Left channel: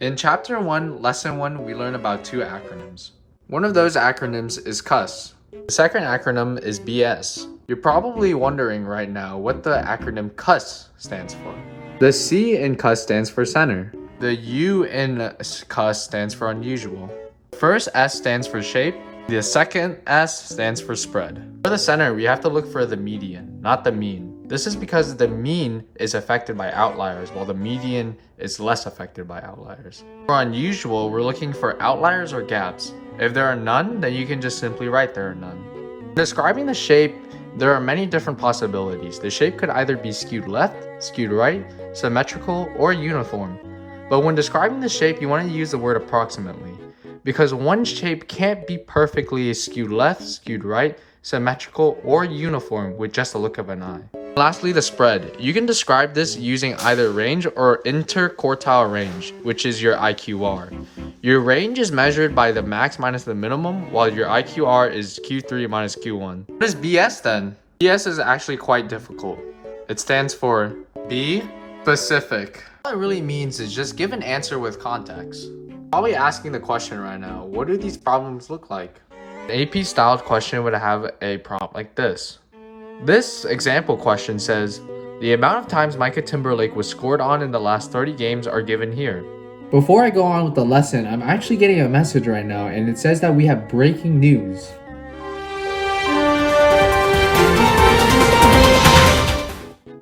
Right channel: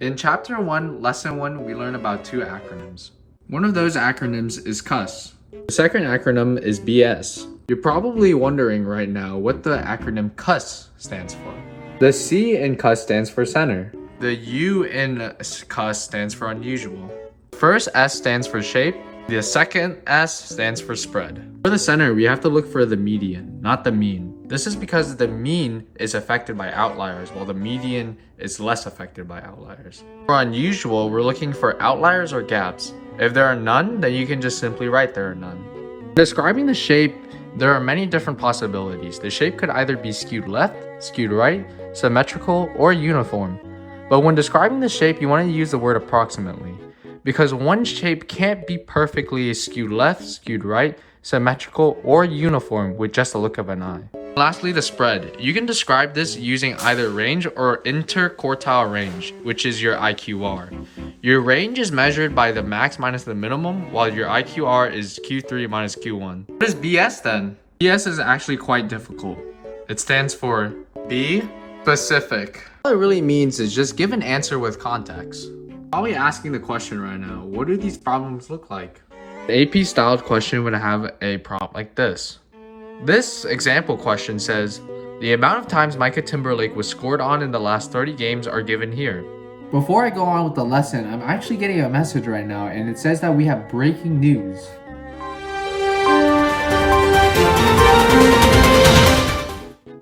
In Chapter 1, Lesson 1, we learn about two acronyms. One of those acronyms is CUS. The second acronym is BS. You're probably wondering right now what the acronym CUS stands for. The C in CUS stands for center. The U in CUS stands for unusual. The first S stands for shape. The second S stands for spread. For the center, we have to look for the median, not the mean. This is because the mean is affected by outliers, while the median is less affected by outliers. For unusual, we're looking for outliers or gaps. If there are none, then you can just simply write there are none. Describing the shape, there are many different possibilities. The shape could either be skewed left, skewed right, symmetrical, or uniform. But when describing the shape, you want to use the word approximately, because one shape can't be perfectly skewed left, skewed right, symmetrical, or uniform with just a look of an eye. Lastly, the spread. You can describe this using either range or interquartile range, which is your IQR. Your range is measured by the max minus the minimum, while your IQR is Q3 minus Q1. What is BS then? BS is actually quite difficult. It stands for be specific. All it really means is just give an answer with context. Probably asking the question right now, what do these problems look like? The AP styled question would have a prompt like this. This example question says, the amount of times Micah Timberlake was scored on in the last 30 games are given here. Before I go on with the lesson, I'm actually getting a message right now, and it says that we have breaking news.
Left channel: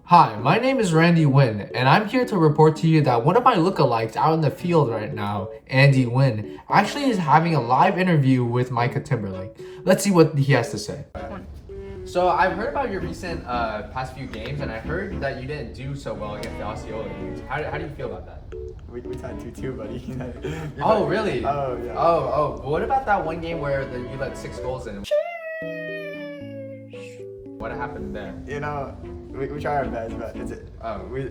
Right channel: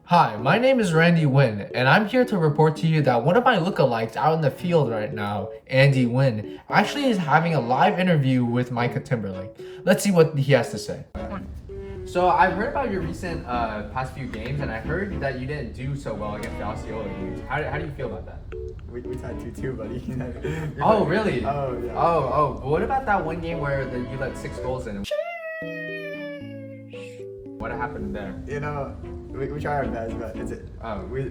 Hi, my name is Randy Wynn, and I'm here to report to you that one of my lookalikes out in the field right now, Andy Wynn, actually is having a live interview with Micah Timberlake. Let's see what he has to say. So I've heard about your recent past few games, and I heard that you didn't do so well against the Osceola games. How do you feel about that? We tied 2-2, buddy. Oh, really? Oh, yeah. Oh. What about that one game where you let 6 goals in? What happened there? You know, we try our best, but we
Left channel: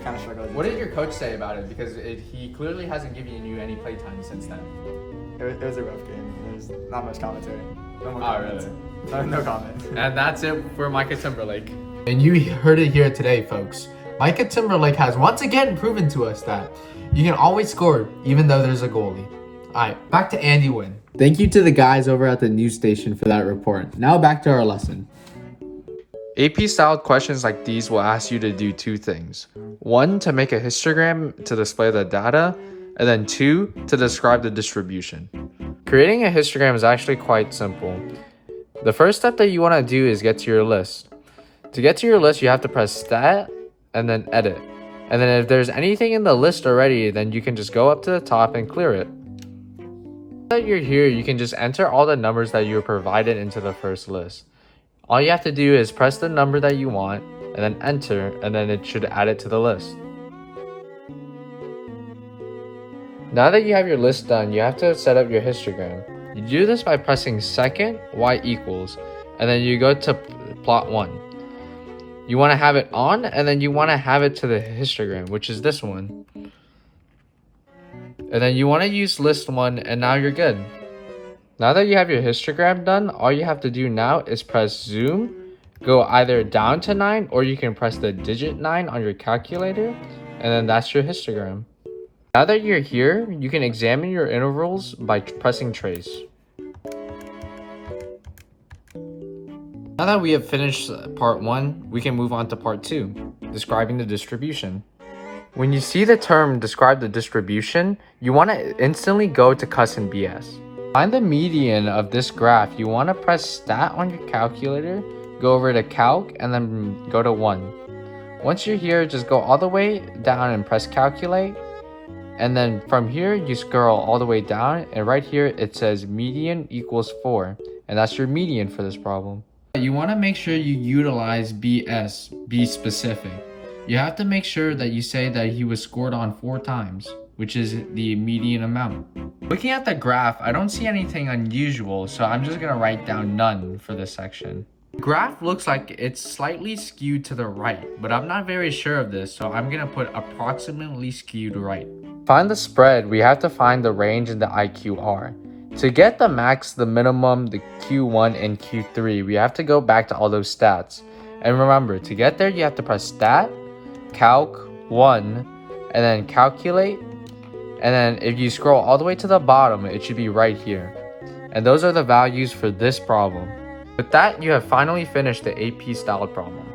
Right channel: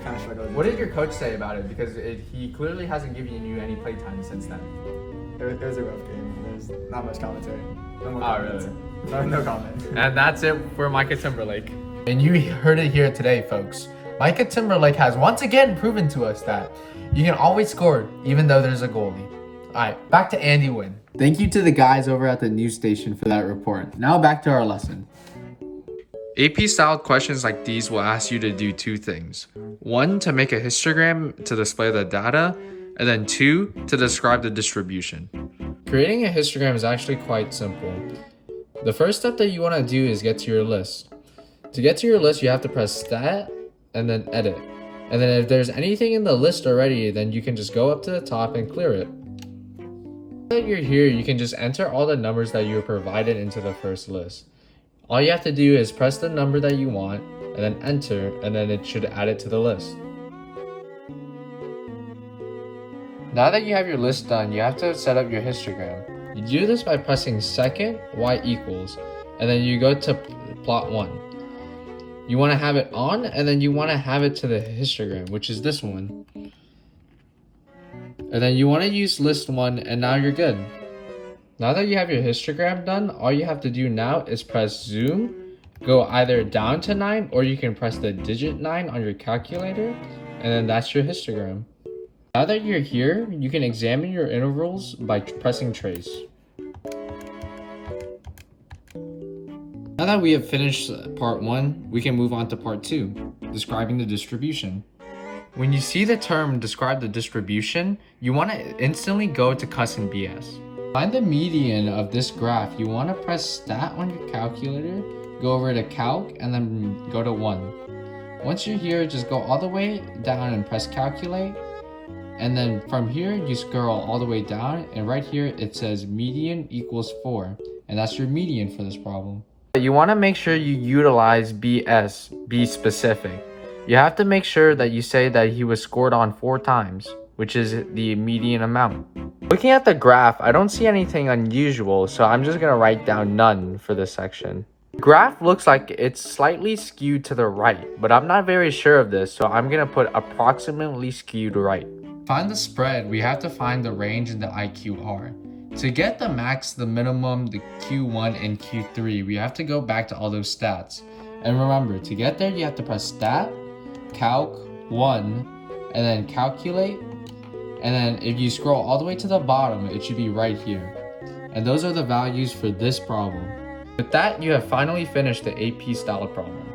kind of struggled. What did your coach say about it? Because he clearly hasn't given you any playtime since then. It was a rough game. There's not much commentary. No more comments. Really? No comments. And that's it for Micah Timberlake. And you heard it here today, folks. Micah Timberlake has once again proven to us that you can always score even though there's a goalie. Alright, back to Andy Wynn. Thank you to the guys over at the news station for that report. Now back to our lesson. AP styled questions like these will ask you to do two things. One, to make a histogram to display the data, and then two, to describe the distribution. Creating a histogram is actually quite simple. The first step that you want to do is get to your list. To get to your list, you have to press stat and then edit. And then if there's anything in the list already, then you can just go up to the top and clear it. Now that you're here, you can just enter all the numbers that you were provided into the first list. All you have to do is press the number that you want and then enter, and then it should add it to the list. Now that you have your list done, you have to set up your histogram. You do this by pressing second y equals, and then you go to plot 1. You want to have it on, and then you want to have it to the histogram, which is this one. And then you want to use list 1, and now you're good. Now that you have your histogram done, all you have to do now is press zoom, go either down to 9, or you can press the digit 9 on your calculator, and then that's your histogram. Now that you're here, you can examine your intervals by pressing trace. Now that we have finished part 1, we can move on to part 2, describing the distribution. When you see the term describe the distribution, you want to instantly go to CUS and BS. Find the median of this graph. You want to press stat on your calculator, go over to calc, and then go to 1. Once you're here, just go all the way down and press calculate. And then from here, you scroll all the way down, and right here it says median equals 4. And that's your median for this problem. You want to make sure you utilize BS, be specific. You have to make sure that you say that he was scored on 4 times, which is the median amount. Looking at the graph, I don't see anything unusual, so I'm just going to write down none for this section. The graph looks like it's slightly skewed to the right, but I'm not very sure of this, so I'm going to put approximately skewed right. To find the spread, we have to find the range and the IQR. To get the max, the minimum, the Q1, and Q3, we have to go back to all those stats. And remember, to get there, you have to press stat, calc, 1, and then calculate, And then if you scroll all the way to the bottom, it should be right here. And those are the values for this problem. With that, you have finally finished the AP style problem.